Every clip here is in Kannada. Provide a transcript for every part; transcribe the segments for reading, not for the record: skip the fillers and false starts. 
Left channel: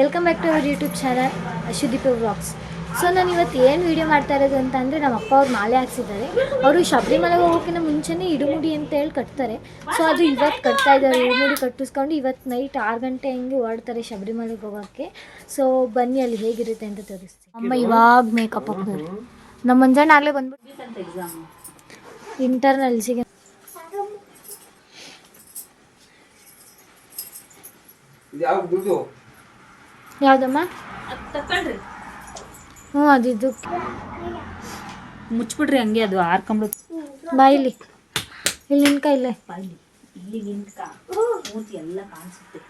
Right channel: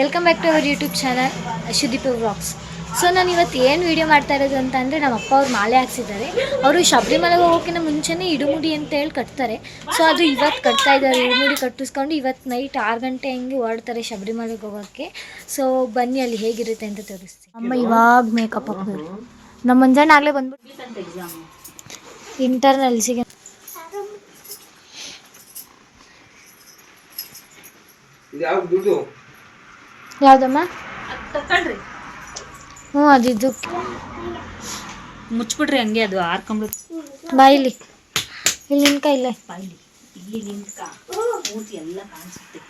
Welcome back to our YouTube channel Ashudeepa vlogs. So ನಾನು ಇವತ್ತು ಏನು ವೀಡಿಯೋ ಮಾಡ್ತಾ ಇರೋದು ಅಂತ ಅಂದರೆ, ನಮ್ಮ ಅಪ್ಪ ಅವ್ರು ಮಾಲೆ ಹಾಕ್ಸಿದ್ದಾರೆ. ಅವರು ಶಬರಿಮಲೆಗೆ ಹೋಗೋಕ್ಕಿಂತ ಮುಂಚೆನೇ ಇಡುಮುಡಿ ಅಂತ ಹೇಳಿ ಕಟ್ತಾರೆ. ಸೊ ಅದು ಇವತ್ತು ಕಟ್ತಾ ಇದ್ದಾರೆ. ಇಡುಮುಡಿ ಕಟ್ಟಿಸ್ಕೊಂಡು ಇವತ್ತು ನೈಟ್ 6 ಗಂಟೆ ಹಂಗೆ ಹೊರಡ್ತಾರೆ ಶಬರಿಮಲೆಗೆ ಹೋಗೋಕ್ಕೆ. ಸೊ ಬನ್ನಿ ಅಲ್ಲಿ ಹೇಗಿರುತ್ತೆ ಅಂತ ತೋರಿಸ್ತೀನಿ. ಅಮ್ಮ ಇವಾಗ ಮೇಕಪ್ ಹಾಕ್ತಾರೆ. ನಮ್ಮ ಮಂಜಣ್ಣ ಆಗಲೇ ಬಂದ್ಬಿಟ್ಟು ಇಂಟರ್ನಲ್ಸಿಗೆ ಯಾವುದಮ್ಮ? ಹ್ಞೂ ಅದಿದ್ದು ಮುಚ್ಬಿಡ್ರಿ ಹಂಗೆ, ಅದು ಆರ್ಕೊಂಬಿಡು. ಬಾಯಿಲಿ ಇಲ್ಲಿ ನಿನ್ಕ ಇಲ್ಲೇ ಬಾಯಿಲಿ ಇಲ್ಲಿ ನಿಂತ್ಕ, ಮೂತಿ ಎಲ್ಲ ಕಾಣಿಸುತ್ತೆ.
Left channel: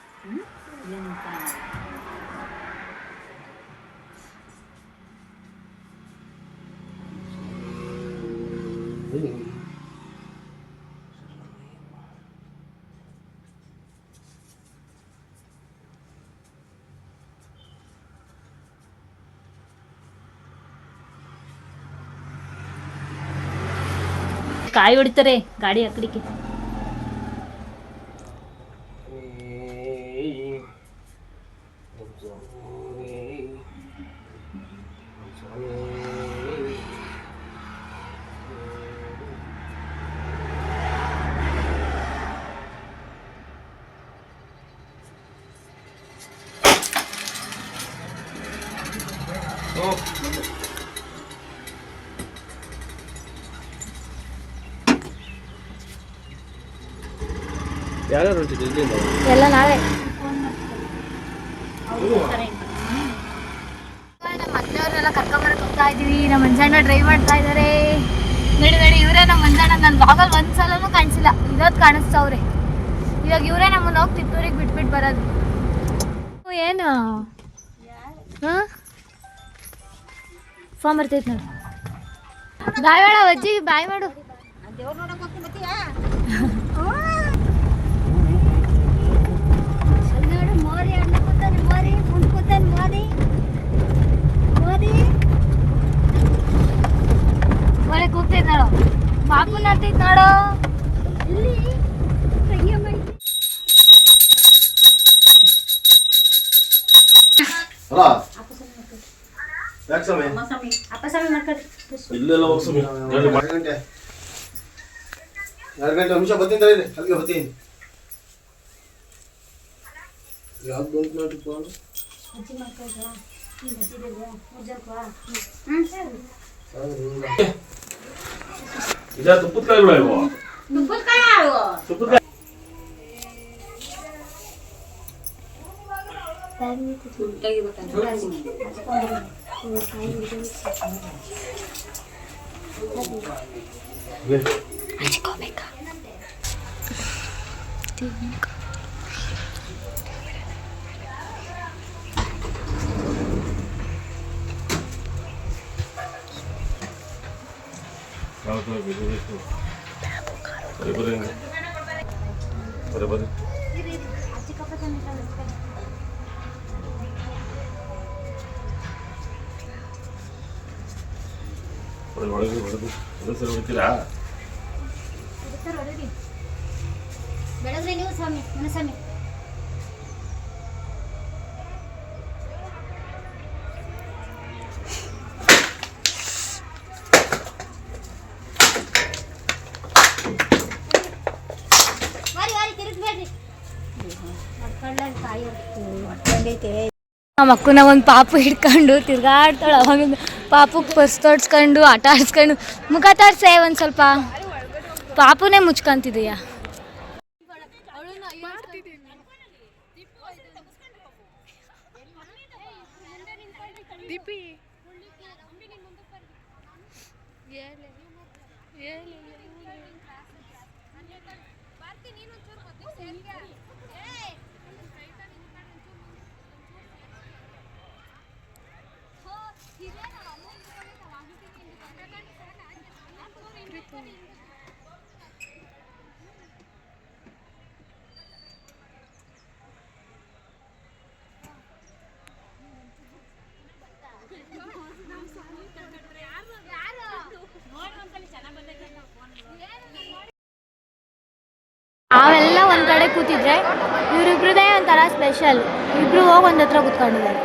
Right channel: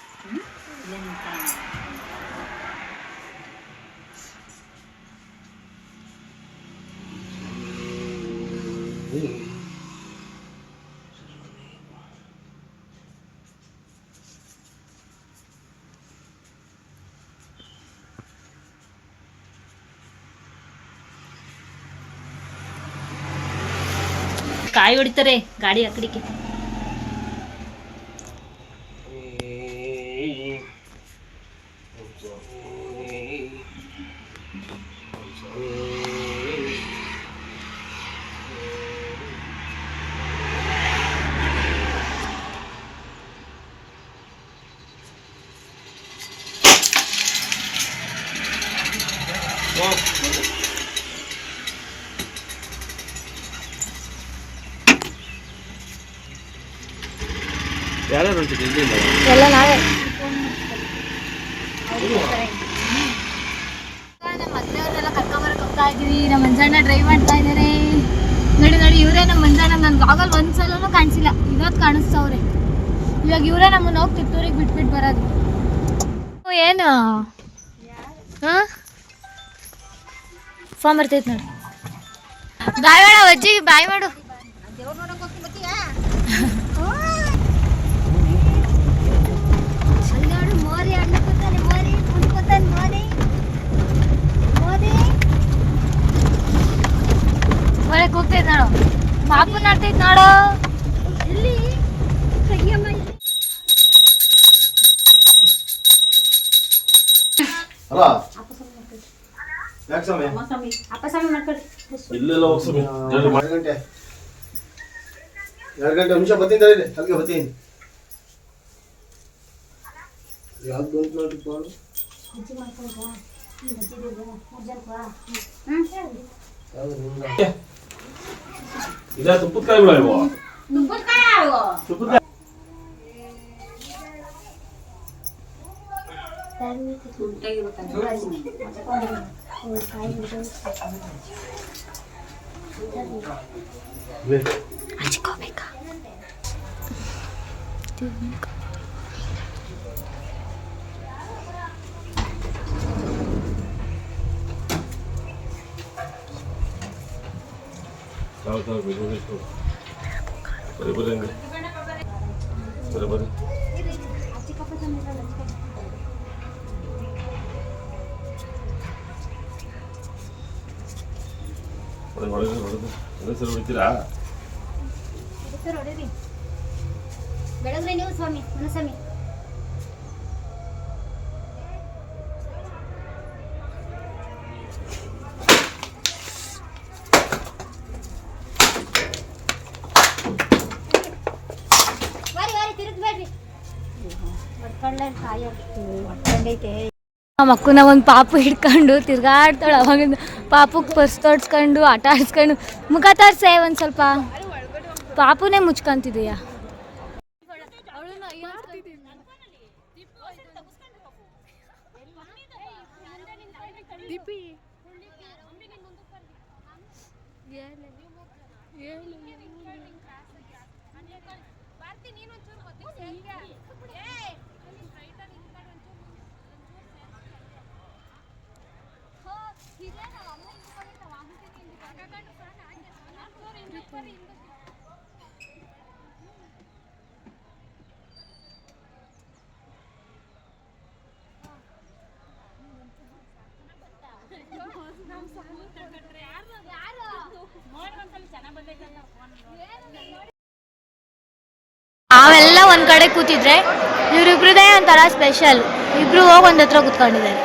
ಇಲ್ಲೇ ನಿಂತ್ಕ. ಕಾಯಿ ಹೊಡಿತಾರೆ ಗಾಡಿ ಅಕಡಿಕೆ. ಎಲ್ಲ ನಾವೇ. ನಮ್ಮ ಅತ್ತೆಯವ್ರನ್ನೆಲ್ಲ ಕರ್ಕೊಂಬರಕ್ಕೆ ಹೋಗ್ತಾ ಇದ್ದೀವಿ. ನಮ್ಮ ಮಂಜಣ್ಣ ಡ್ರೈವ್ ಮಾಡ್ತಾ ಇದ್ದಾರೆ. ನಡಿ ಇವರೇ ನಮ್ಮ ಮಂಜಣ್ಣ. ನನ್ನ ಬ್ಲಾಗಲ್ಲಿ ಒಂದ್ಸಲನೂ ಕಾಣಿಸಿಲ್ಲ, ಇವತ್ತು ಕಾಣಿಸ್ತವ್ರೆ. ಇವಾಗ ಇವರೇ ನಮ್ಮನ್ನ ಹೋಗಿ ತಿಪ್ಪೂರಿಗೆ ಬಿಟ್ಬಿಟ್ಟು ಬರೋದು. ಏನು ಹಾಂ ಫಾರ್ಮ್ ಬರ್ತೈತೆ ನೋಡು. ಬಾಯ್ ಮಾಡು ಅಜ್ಜಿ, ಬಾಯ್ ಮಾಡು. ಒಳಗೆ ಹೋಗ್ತೈತೆ ನೋಡು, ಪಾಪು ನಡ್ತೈತೆ ನೋಡು. ಇಲ್ಲೆಲ್ಲ ಹೋಗ್ಸಮಿ 2 ಗಂಟೆ ನಿಮಿಷ ಬರ್ತೀನಿ, ಅಲ್ಲಿಗೆ ಬರ್ತೀನಿ. ಯಾವ್ದು ಬಂತು ನೋಡಿ ಪಾಡು. ಇದಾ ತುಪ್ಪದ ಕಾಯಿ ಬಿಡ ಇವು. ತುಪ್ಪದ ಕಾಯಿ ಬರೀ ಹೊಡಿತೀರಾ? ಬೆಳಗ್ಗೆ ನೀವು ಸ್ವಾಮಿ ಮನಸ್ವಾಮಿ. ನಮ್ಮ ಅಕ್ಕನ ಒಂದು ಪಾಪು ಹಿಡ್ಕೊಂಡು ತಿರ್ಗಾಡ್ತಾಳೆ. ಅವಾಗಿಂದ ಪಾಪುಗೆ ಪರ್ಸ್ ತೋಡ್ಸ್ಕೊಂಡು ಆಟ ಆಡಿಸ್ಕೊಂಡು ಮುಖ ತೋರ್ಸೆ ಒಂದು ಸ್ವಲ್ಪ. ಪಾಪುನೇ ಮುಚ್ಕೊಂತಿದೆಯಾ? ನಾವೆಲ್ಲ ಒಂದು ಕಡೆ ಕೂತಿದ್ರೆ ಇವರಿಬ್ರದೇ ಒಂಥರ ಸ್ಪೆಷಲ್. ಇಬ್ರು ಹೋಗಿ ಒಂದ್ ಹತ್ರ ಕುತ್ಕೊಂಡಿದ್ದಾರೆ.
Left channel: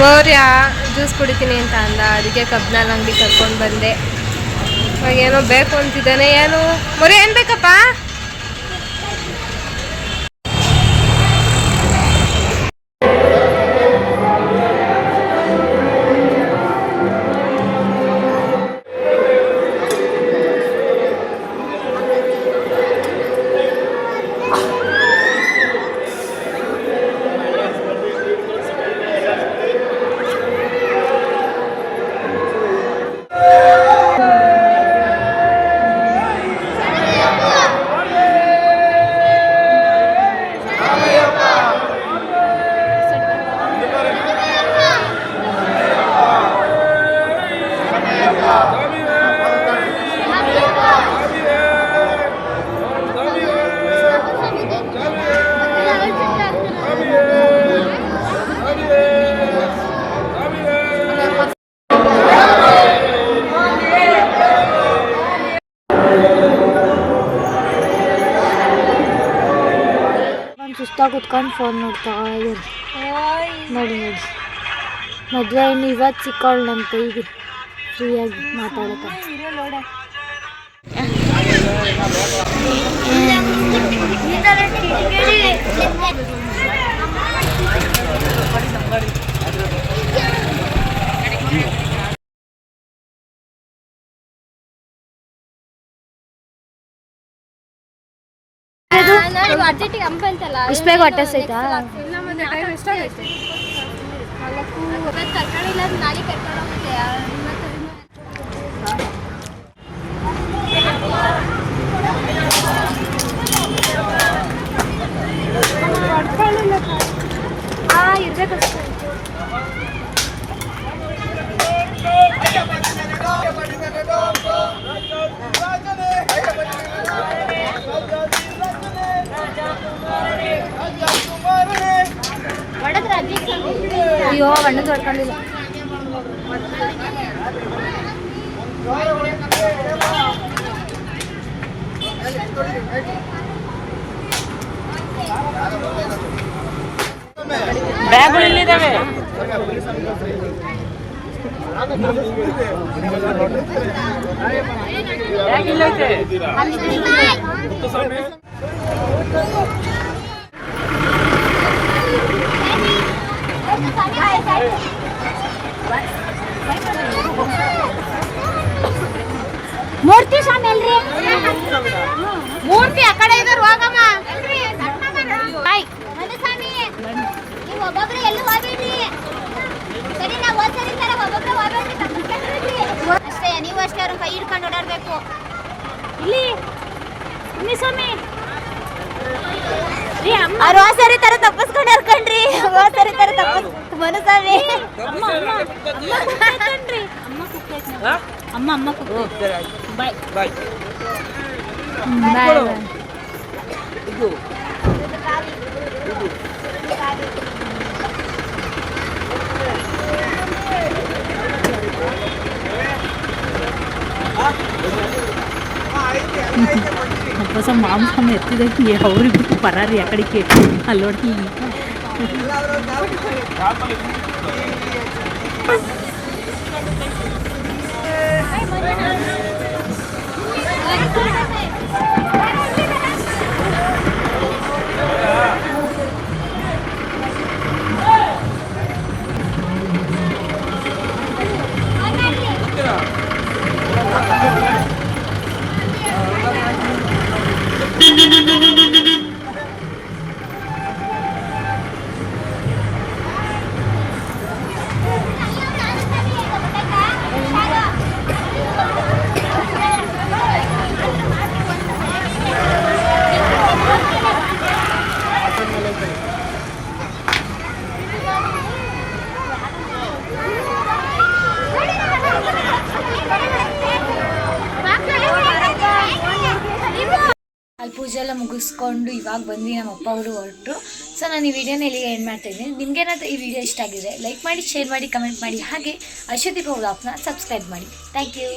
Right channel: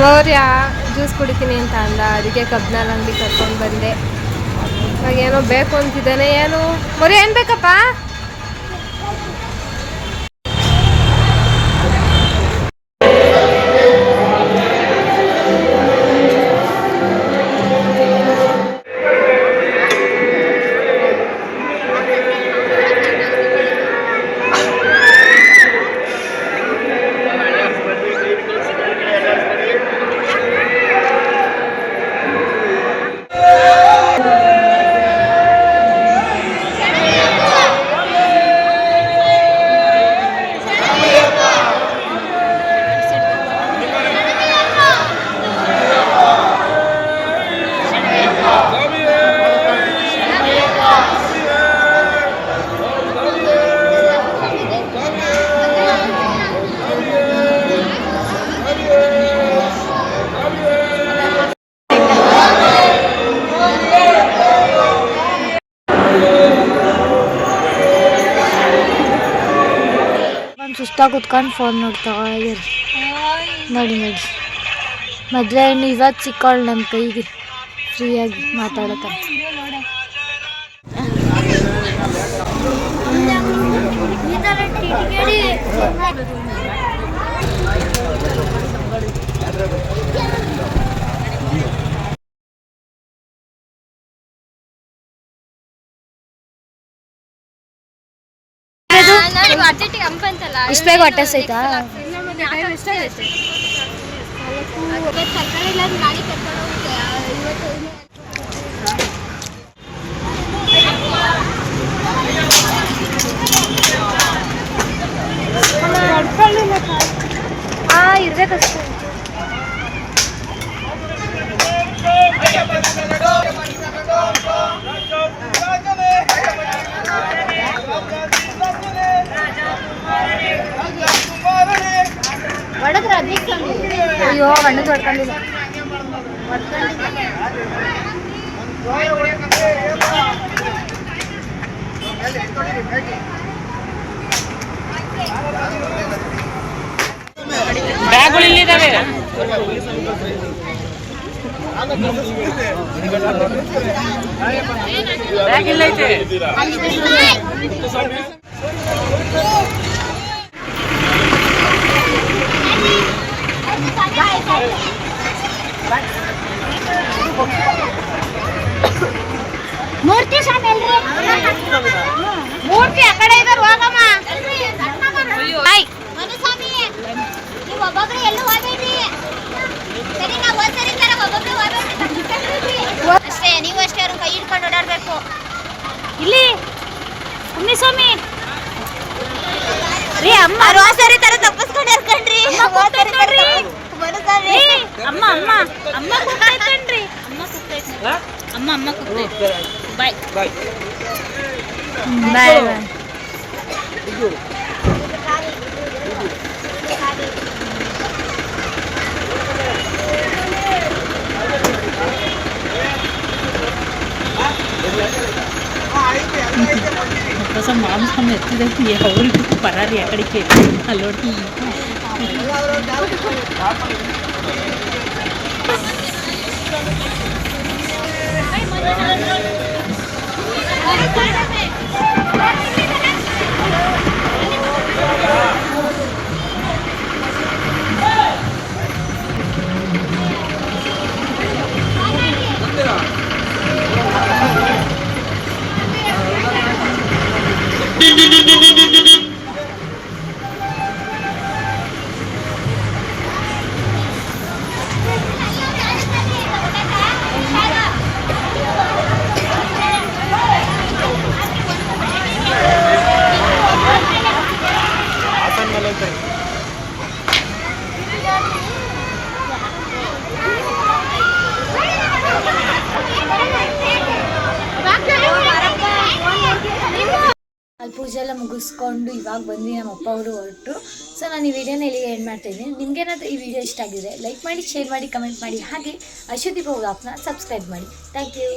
ಮೌರ್ಯ ಜ್ಯೂಸ್ ಕುಡಿತೀನಿ ಅಂತ ಅಂದ, ಅದಕ್ಕೆ ಕಬ್ನಾಲ್ ಅಂಗಡಿ ಕರ್ಕೊಂಡು ಬಂದೆ. ಇವಾಗ ಏನೋ ಬೇಕು ಅಂತಿದ್ದಾನೆ. ಏನು ಮೌರ್ಯ ಏನು ಬೇಕಪ್ಪ? ಸುಸ್ತಾಗಿ ಕುತ್ಕೊಂಡು ಫೋನ್ ನೋಡ್ತಾ ಇದ್ದಾರೆ. ನೋಡಿ ಮದುವೆ ಹೆಣ್ಣು ಇವತ್ತು ಸಿಕ್ಕಾಳು ನನ್ನ ಕೈಗೆ ಫ್ರೀಯಾಗಿ ಮಾತಾಡತ್ತಾರೆ. ಇಷ್ಟು ಬೇಗ ಹೊಟ್ಟೆ ಸೈತಾ? ಇರ್ಬೇಕಷ್ಟೇ. ಅಯ್ಯೋ ಬಣ್ಣದ ಹೊಡ್ಕೊಂಡಿಲ್ಲ. ಬ್ಯಾಗ್ಗಳಿಲ್ಲಿದ್ದಾವೆ. ಮೂರ್ತಿ ಸ್ವಾಮಿ ಅಲ್ರಿ? ಮೂರ್ತಿ ಆ ಕಡೆ ಇದ್ದಾರೆ, ಹೋಗಮ್ಮ. ಅಷ್ಟೇ, ನೀವು ಅಷ್ಟೇ ಅವ್ರ ಕೈ ಹಿಡ್ಕೊಂಡು ಓಡಾಡ್ಬೇಕು. ಇಲ್ಲಿ ಸ್ವಾಮಿ ಸರಿ ತರ ತಪ್ಪಿಸ್ಕೊಂಡು ಹರ್ಕಂಡ್ರಿ. ಮನಸ್ಸಾರಿ ಅಮ್ಮ ಅಮ್ಮ ಅಮ್ಮ ಕೂಗ್ತೈತೇನ್ರಿ? ಅಮ್ಮ ಕೂಗ್ತೈತೆ. ಬಾಯ್ ಬಾಯ್ ಬಾಯ್. ಮಾಂಸನ ಎತ್ತಿದಕ್ಕೆ ಅವ್ರಿಗೆ ಪರಾರಿ ಆ ಕಡೆಗೆ ಅಲ್ಲೋಡಿ. ಅಲ್ಲಿ ಪೂಜೆ ಎಲ್ಲ ಮುಗಿಸ್ಕೊಂಡು ಇವಾಗ ಬಂದ್ವಿ. ನಮ್ಮ ಅಪ್ಪ ಅವರು ಹೊರಟರು. ಸೊ ನಾನು ಈ ವಿಡಿಯೋನ ಇಲ್ಲಿಗೆ ಎಂಡ್ ಮಾಡ್ತಾಯಿದ್ದೀನಿ. ನಿಮಗೇನಾದರೂ ಈ ವಿಡಿಯೋ ಇಷ್ಟ ಆಗಿದೆ ಲೈಕ್ ಮಾಡಿ, ಶೇರ್ ಮಾಡಿ, ಕಮೆಂಟ್ ಮಾಡಿ, ಹಾಗೆ ಅಶ್ವದೀಪ ವ್ಲಾಗ್ಸ್ನ ಸಬ್ಸ್ಕ್ರೈಬ್ ಮಾಡಿ. Thank you.